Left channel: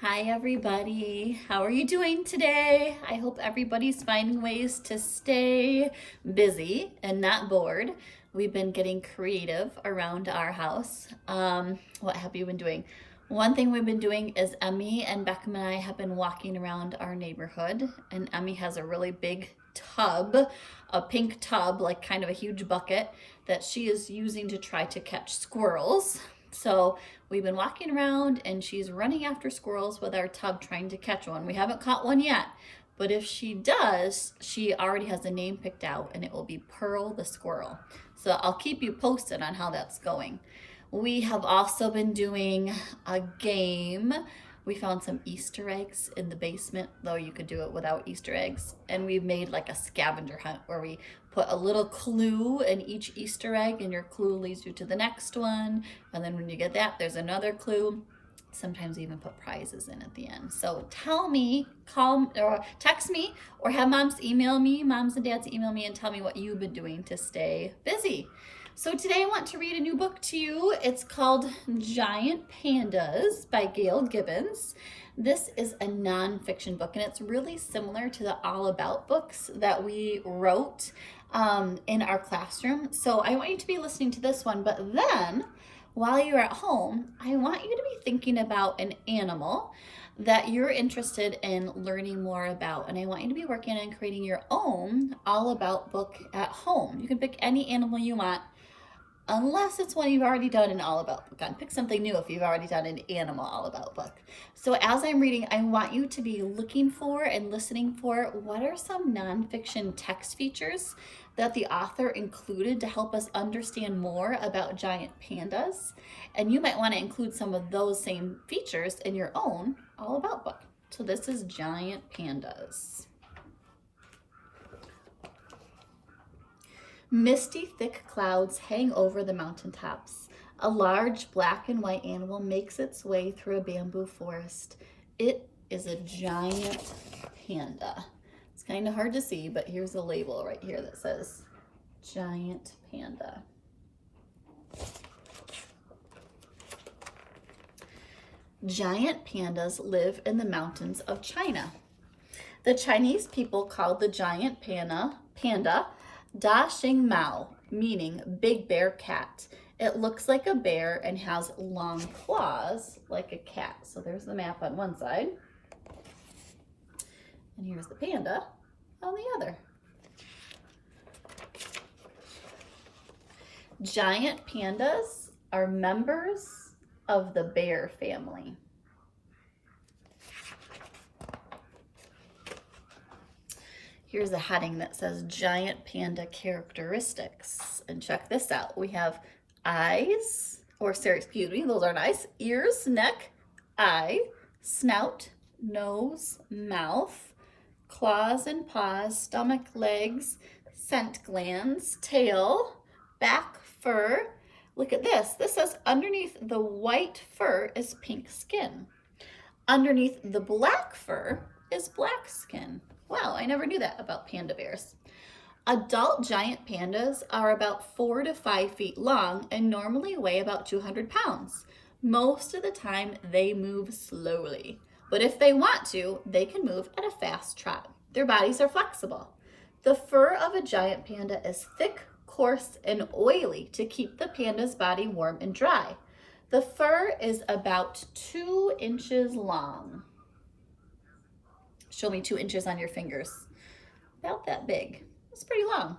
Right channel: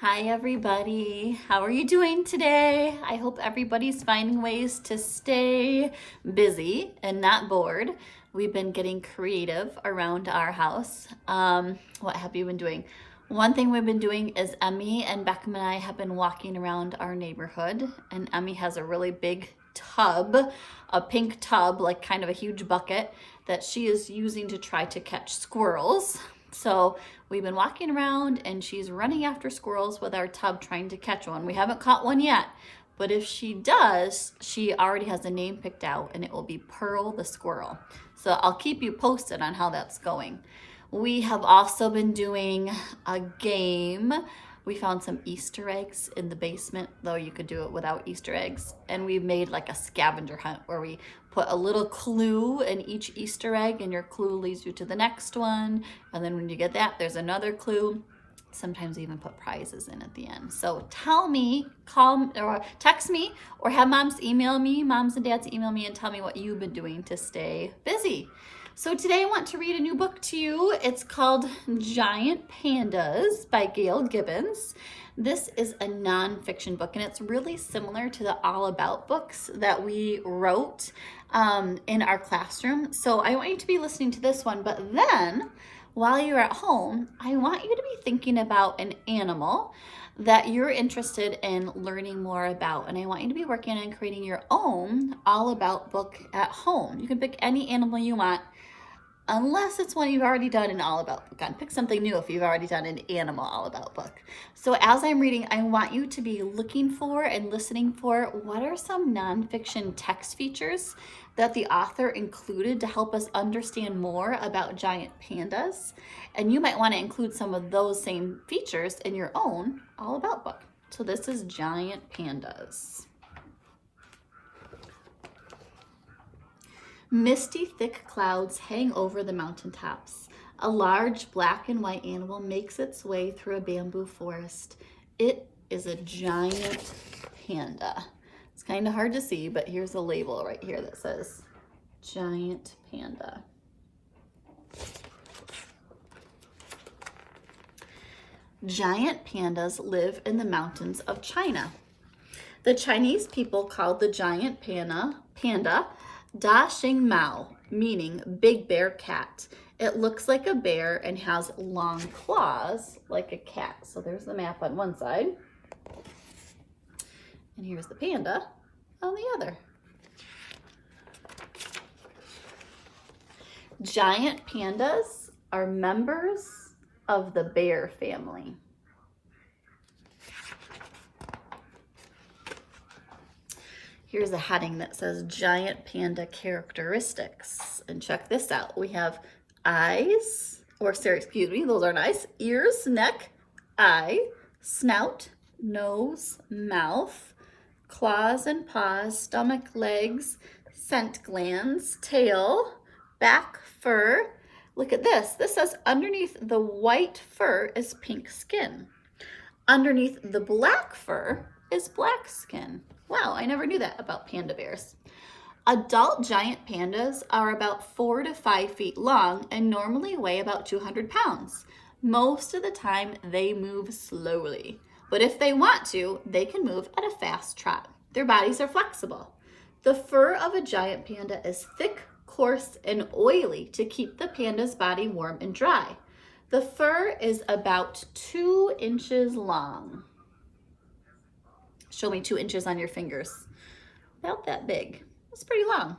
Hi everybody, how are you doing today? I hope everybody's finding ways to stay busy and not bored. We've been getting creative around our house. What have you been doing? One thing we've been doing is Emmy and Beckham and I have been walking around our neighborhood, and Emmy has a really big tub, a pink tub, like kind of a huge bucket that she is using to try to catch squirrels. So we've been walking around and she's running after squirrels with our tub trying to catch one. We haven't caught one yet, but if she does, she already has a name picked out and it will be Pearl the Squirrel. So I'll keep you posted on how that's going. We have also been doing a game. We found some Easter eggs in the basement, though you could do it without Easter eggs. And we've made like a scavenger hunt where we put a little clue in each Easter egg and your clue leads you to the next one. And then when you get that, there's another clue. Sometimes we even put prizes in at the end. So tell me, call or text me, or have moms and dads email me and tell me what you've been doing to stay busy. So today I want to read a new book to you. It's called Giant Pandas by Gail Gibbons. This is a nonfiction book, and it's really similar to the All About books that we wrote in our classroom. So I want you to be listening to this one, but then while you're at home, I want you to be thinking about an animal that you're interested in learning more about. And I want you to be working on creating your own All About book at home. You can pick any animal you want, unless it's one you've already done an All About book on. Pick something new if you've already done an animal All About book. So as I'm reading, I want you to be looking for and listening for what are some nonfiction text features that the author included to help us understand more about giant pandas. And you might want to include some of those same features in your own All About book. So this is Giant Pandas. Misty, thick clouds hang over the mountaintops. A large black and white animal makes its way through a bamboo forest. It is a giant panda. It's kind of hard to see, but here's a label right here that says Giant Panda. Giant pandas live in the mountains of China. The Chinese people called the giant panda Da Xing Mao, meaning big bear cat. It looks like a bear and has long claws like a cat. So there's the map on one side. And here's the panda on the other. Giant pandas are members of the bear family. Here's a heading that says Giant Panda Characteristics. And check this out. We have eyes, those aren't eyes, ears, neck, eye, snout, nose, mouth, claws and paws, stomach, legs, scent glands, tail, back, fur. Look at this. This says underneath the white fur is pink skin. Underneath the black fur is black skin. Wow, I never knew that about panda bears. Adult giant pandas are about 4 to 5 feet long and normally weigh about 200 pounds. Most of the time they move slowly, but if they want to, they can move at a fast trot. Their bodies are flexible. The fur of a giant panda is thick, coarse, and oily to keep the panda's body warm and dry. The fur is about 2 inches long. Show me 2 inches on your fingers. About that big. It's pretty long.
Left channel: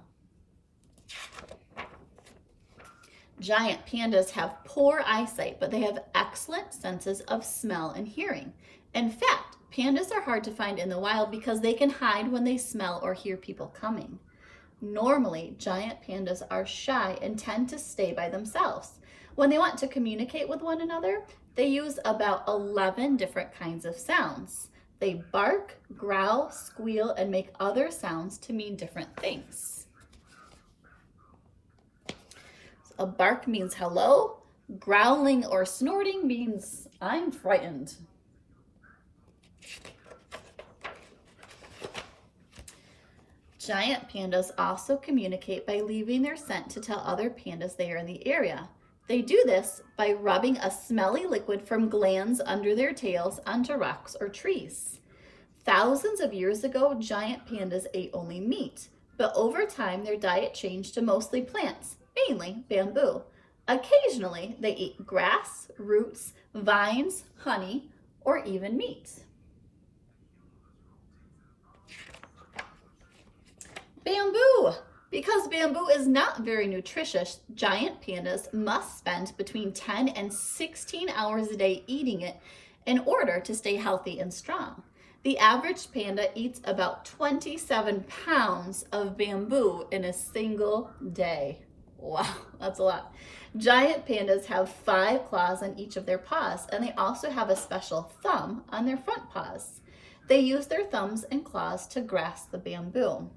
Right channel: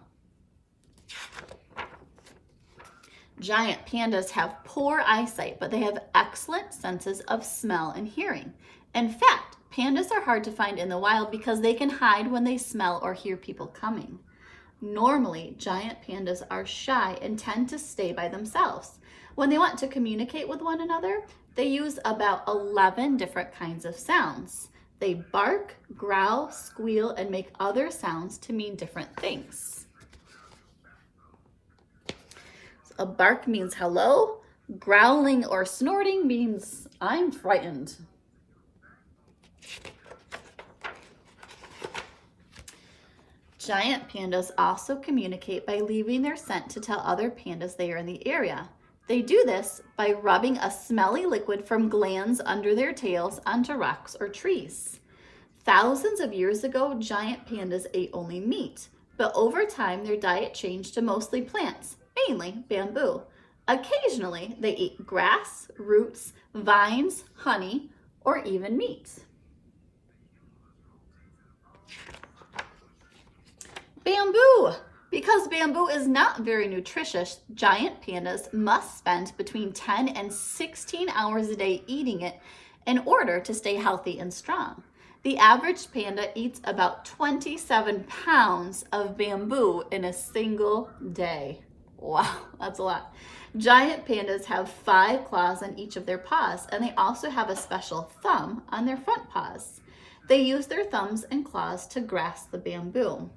Giant pandas have poor eyesight, but they have excellent senses of smell and hearing. In fact, pandas are hard to find in the wild because they can hide when they smell or hear people coming. Normally, giant pandas are shy and tend to stay by themselves. When they want to communicate with one another, they use about 11 different kinds of sounds. They bark, growl, squeal, and make other sounds to mean different things. A bark means hello. Growling or snorting means I'm frightened. Giant pandas also communicate by leaving their scent to tell other pandas they are in the area. They do this by rubbing a smelly liquid from glands under their tails onto rocks or trees. Thousands of years ago, giant pandas ate only meat, but over time their diet changed to mostly plants, mainly bamboo. Occasionally, they eat grass, roots, vines, honey, or even meat. Bamboo! Because bamboo is not very nutritious, giant pandas must spend between 10 and 16 hours a day eating it in order to stay healthy and strong. The average panda eats about 27 pounds of bamboo in a single day. Wow, that's a lot. Giant pandas have 5 claws on each of their paws, and they also have a special thumb on their front paws. They use their thumbs and claws to grasp the bamboo.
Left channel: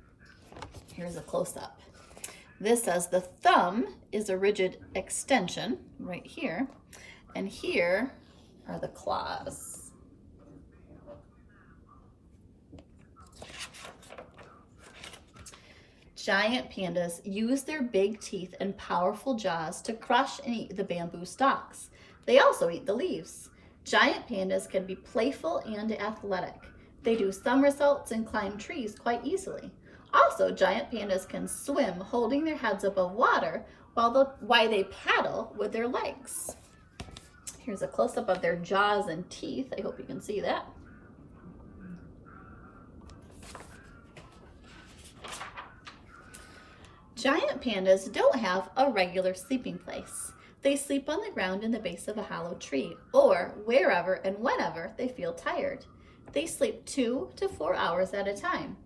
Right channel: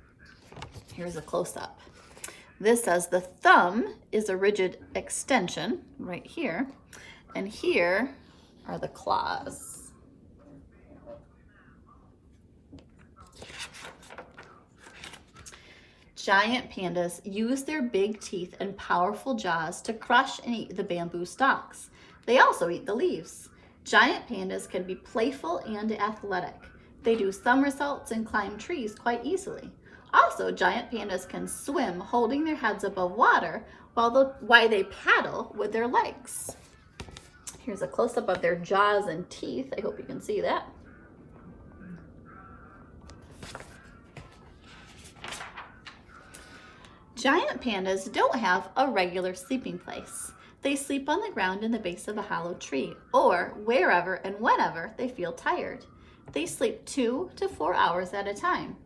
Here's a close-up. This says the thumb is a rigid extension right here, and here are the claws. Giant pandas use their big teeth and powerful jaws to crush and eat the bamboo stalks. They also eat the leaves. Giant pandas can be playful and athletic. They do somersaults and climb trees quite easily. Also, giant pandas can swim holding their heads above water while they paddle with their legs. Here's a close-up of their jaws and teeth. I hope you can see that. Giant pandas don't have a regular sleeping place. They sleep on the ground in the base of a hollow tree or wherever and whenever they feel tired. They sleep 2 to 4 hours at a time.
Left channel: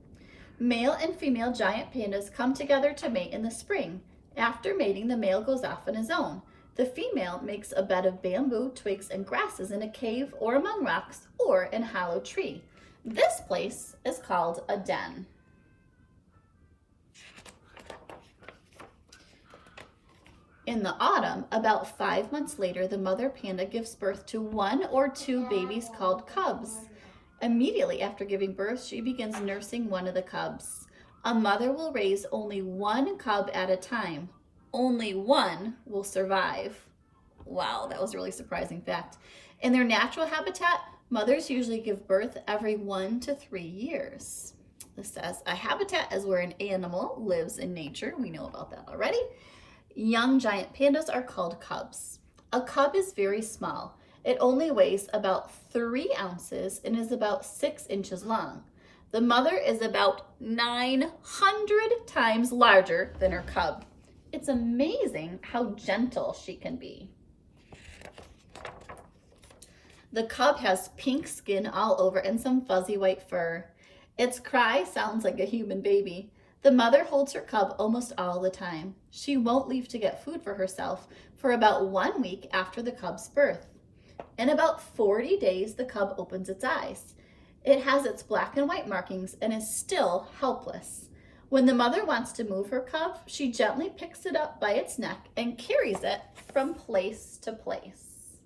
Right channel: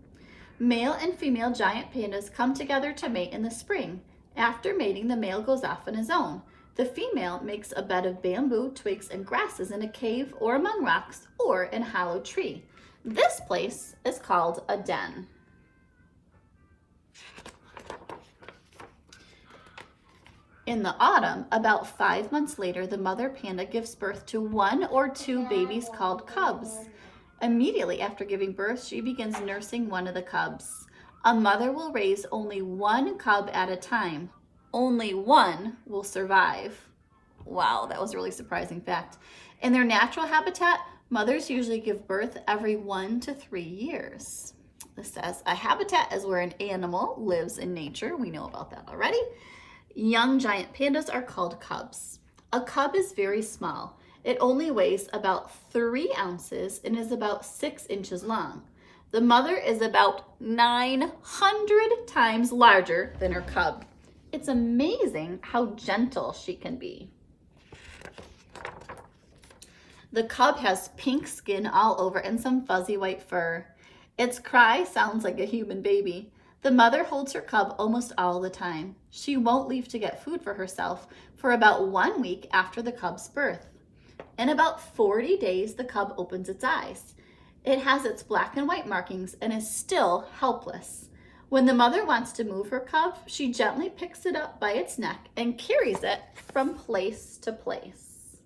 Male and female giant pandas come together to mate in the spring. After mating, the male goes off on his own. The female makes a bed of bamboo, twigs, and grasses in a cave or among rocks or in a hollow tree. This place is called a den. In the autumn, about 5 months later, the mother panda gives birth to 1 or 2 babies called cubs. Immediately after giving birth, she begins nursing one of the cubs. A mother will raise only 1 cub at a time. Only 1 will survive. Wow, that was a really surprising fact. In their natural habitat, mothers usually give birth every 1 to 3 years. This says, a habitat is where an animal lives in nature. We know about that already. Young giant pandas are called cubs. A cub is very small. It only weighs about 3 ounces and is about 6 inches long. The mother is about 900 times larger than her cub. It's amazing how gentle she can be. The cub has pink skin all over and some fuzzy white fur. Its cry sounds like a human baby. The mother holds her cub almost all the time. She won't leave to get food for herself for about 1 week after the cub's birth. In about 40 days, the cub opens its eyes. It has its black and white markings and is still helpless. When the mother wants to move her cub, she gently picks it up by its neck and carries it from place to place.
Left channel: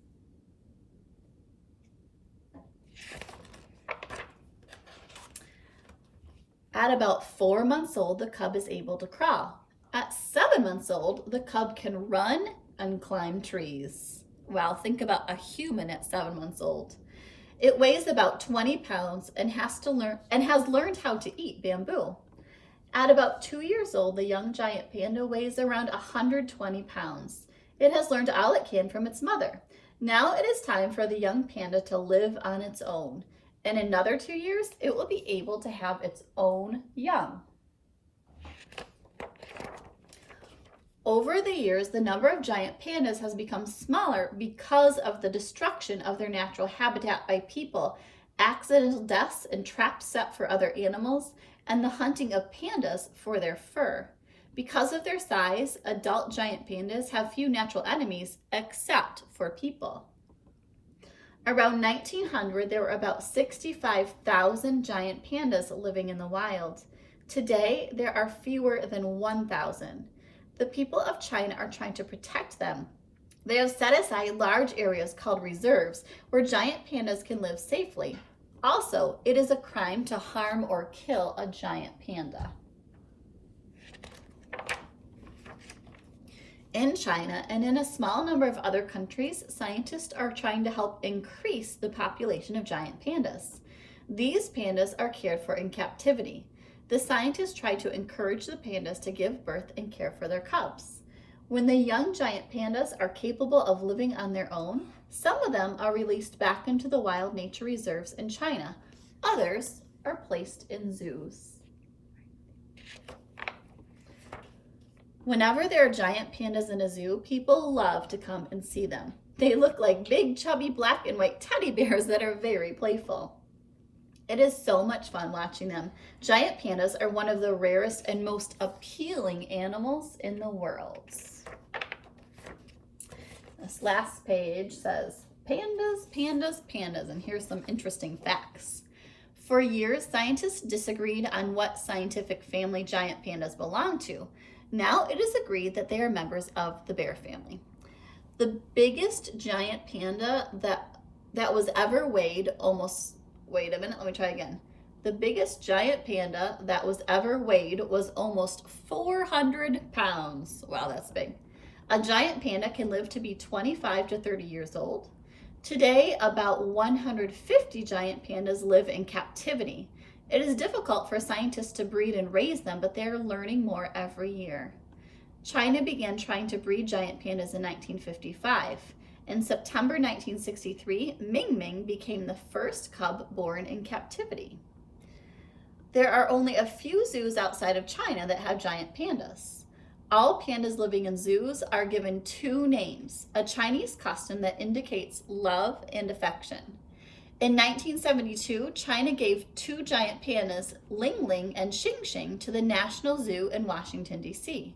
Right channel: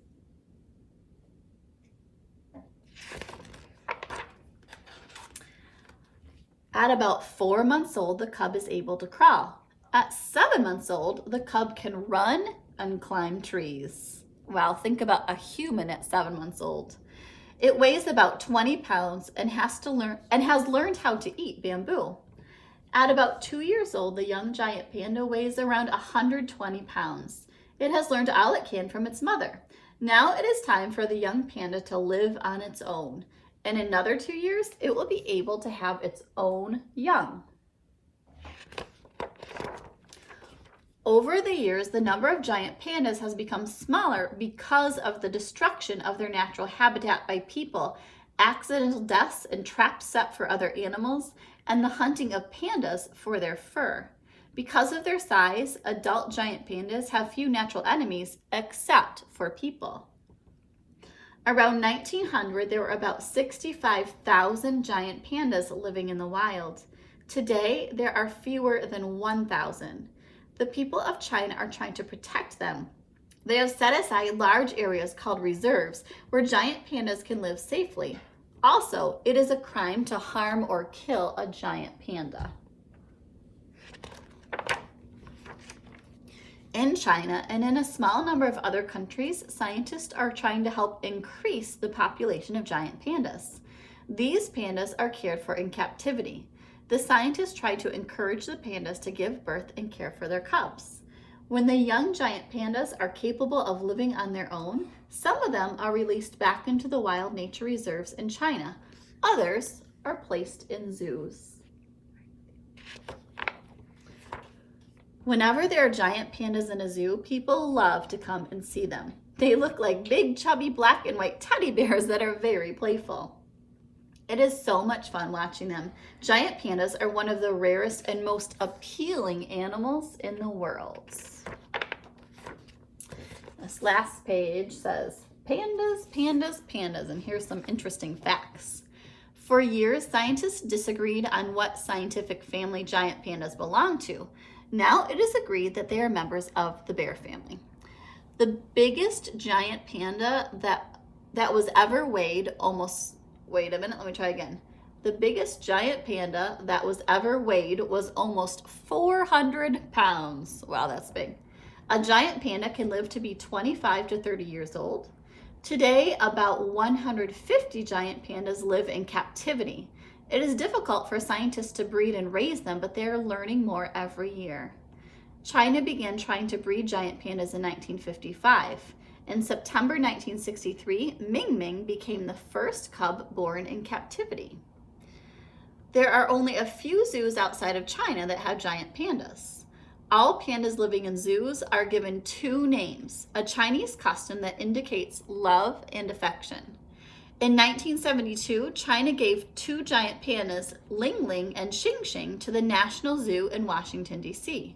At about 4 months old, the cub is able to crawl. At 7 months old, the cub can run and climb trees. Wow, think about a human at 7 months old. It weighs about 20 pounds and has learned how to eat bamboo. At about 2 years old, the young giant panda weighs around 120 pounds. It has learned all it can from its mother. Now it is time for the young panda to live on its own. In another 2 years, it will be able to have its own young. Over the years, the number of giant pandas has become smaller because of the destruction of their natural habitat by people, accidental deaths and traps set for other animals, and the hunting of pandas for their fur. Because of their size, adult giant pandas have few natural enemies except for people. Around 1900, there were about 65,000 giant pandas living in the wild. Today, there are fewer than 1,000. The people of China are trying to protect them. They have set aside large areas called reserves where giant pandas can live safely. Also, it is a crime to harm or kill a giant panda. In China and in a small number of other countries, scientists are trying to help increase the population of giant pandas. These pandas are cared for in captivity. The scientists try to encourage the pandas to give birth and care for their cubs. When the young giant pandas are capable of living on their own, some of them are released back into the wild nature reserves in China. Others are placed in zoos. Whenever there are giant pandas in a zoo, people love to come and see them. They look like big, chubby black and white teddy bears that are very playful. It is so much fun watching them. Giant pandas are one of the rarest and most appealing animals in the world. This last page says, pandas, pandas, pandas, and here's some interesting facts. For years, scientists disagreed on what scientific family giant pandas belong to. Now it is agreed that they are members of the bear family. The biggest giant panda that was ever weighed almost, wait a minute, let me try again. The biggest giant panda that was ever weighed was almost 400 pounds. Wow, that's big. A giant panda can live to be 25 to 30 years old. Today, about 150 giant pandas live in captivity. It is difficult for scientists to breed and raise them, but they are learning more every year. China began trying to breed giant pandas in 1955. In September 1963, Ming Ming became the first cub born in captivity. There are only a few zoos outside of China that have giant pandas. All pandas living in zoos are given two names, a Chinese custom that indicates love and affection. In 1972, China gave two giant pandas, Ling Ling and Xing Xing, to the National Zoo in Washington, D.C.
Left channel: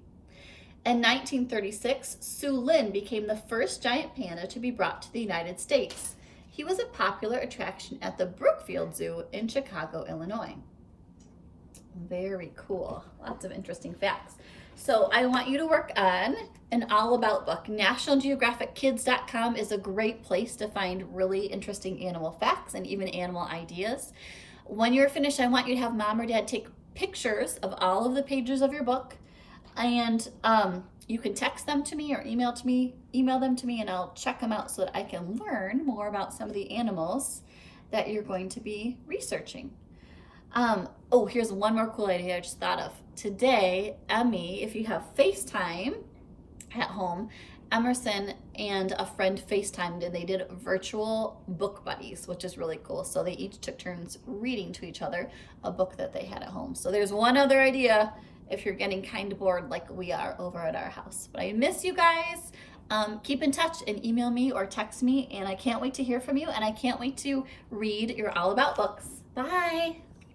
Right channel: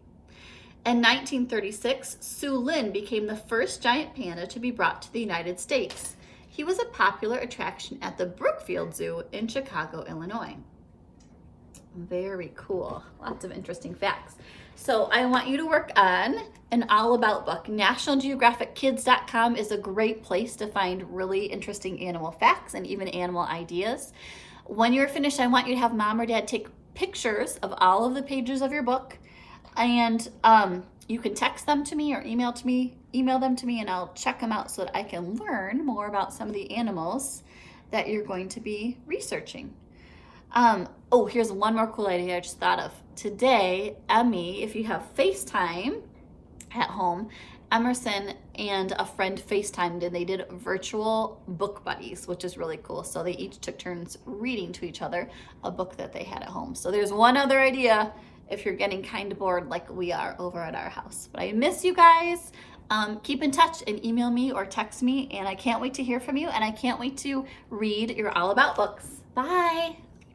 In 1936, Su Lin became the first giant panda to be brought to the United States. He was a popular attraction at the Brookfield Zoo in Chicago, Illinois. Very cool. Lots of interesting facts. So I want you to work on an all about book. NationalGeographicKids.com is a great place to find really interesting animal facts and even animal ideas. When you're finished, I want you to have mom or dad take pictures of all of the pages of your book, and you can text them to me or email them to me, and I'll check them out so that I can learn more about some of the animals that you're going to be researching. Oh, here's one more cool idea I just thought of. Today, Emmy, if you have FaceTime at home, Emerson and a friend FaceTimed and they did virtual book buddies, which is really cool. So they each took turns reading to each other a book that they had at home. So there's one other idea if you're getting kind of bored like we are over at our house. But I miss you guys. Keep in touch and email me or text me, and I can't wait to hear from you, and I can't wait to read your all about books. Bye.